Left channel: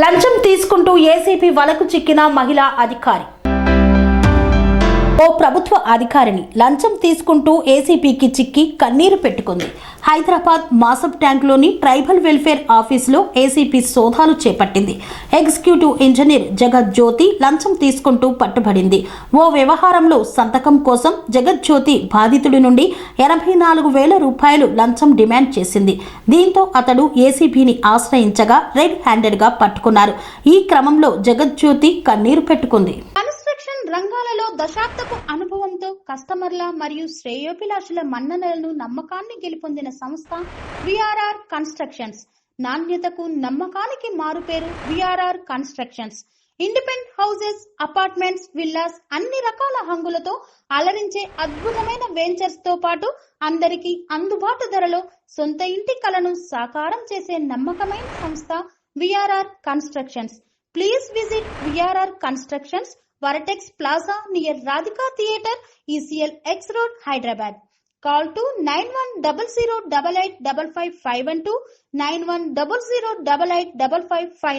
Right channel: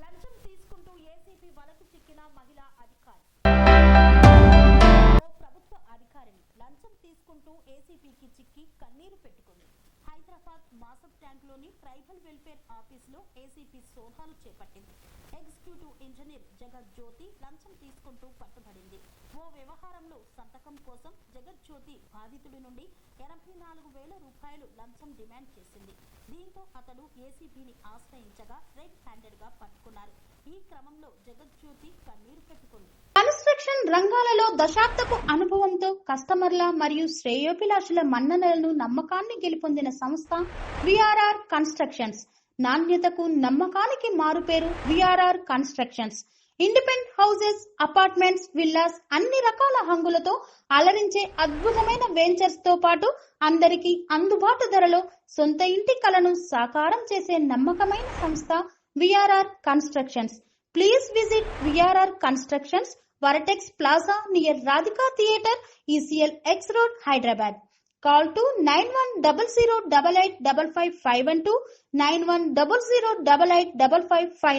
లంచం తీసుకుంటూ ఏసీపీ వలకు చిక్కిన మహిళా అధికారి. ఓ ప్రభుత్వ అధికారిని లంచం తీసుకుంటూ ఏసీపీకి చిక్కి కన్నీరు పెట్టుకుంది. హైదరాబాద్ మాసబ్ ట్యాంక్లోని ట్రైబల్ వెల్ఫేర్ ఆఫీసులో ఏసీపీ సోదాలు చేపట్టింది. ఎగ్జిక్యూటివ్ ఇంజనీర్ జగజ్యోతి లంచం తీసుకుంటూ పట్టుబడింది. ఓ వ్యవహారంలో సంతకం కోసం జగజ్యోతి బాధితుడి నుండి 84,000 రూపాయలు లంచం డిమాండ్ చేసింది. దీంతో అతడు ఏసీపీని ఆశ్రయించగా రెడ్ హ్యాండెడ్గా పట్టుకున్నారు. ఈ క్రమంలో జగజ్యోతి కన్నీరు పెట్టుకుంది. రంగాలలో దశాబ్దపు అనుభవంతో కస్టమర్ల మరియు శ్రేయోభిలాషుల మన్ననలను నమ్మకాన్ని గెలుపొందిన సంస్థ విఆర్ఆర్ కన్స్ట్రక్షన్స్. నాణ్యతకు నమ్మకానికి మారుపేరు VRR constructions. Independent houses, apartments, villas అన్ని రకాల హంగులతో అలరించే అద్భుతమైన వెంచర్స్ తో పాటు అందరికీ అందుబాటు ధరలో సొంత ఇంటి కలను సాకారం చేసే నమ్మకమైన సంస్థ VRR constructions. Please visit VRR constructions, Varatex Plaza near Radhika Theatre, ECL X Road, Hyderabad. Call to 9100885551 9100885559.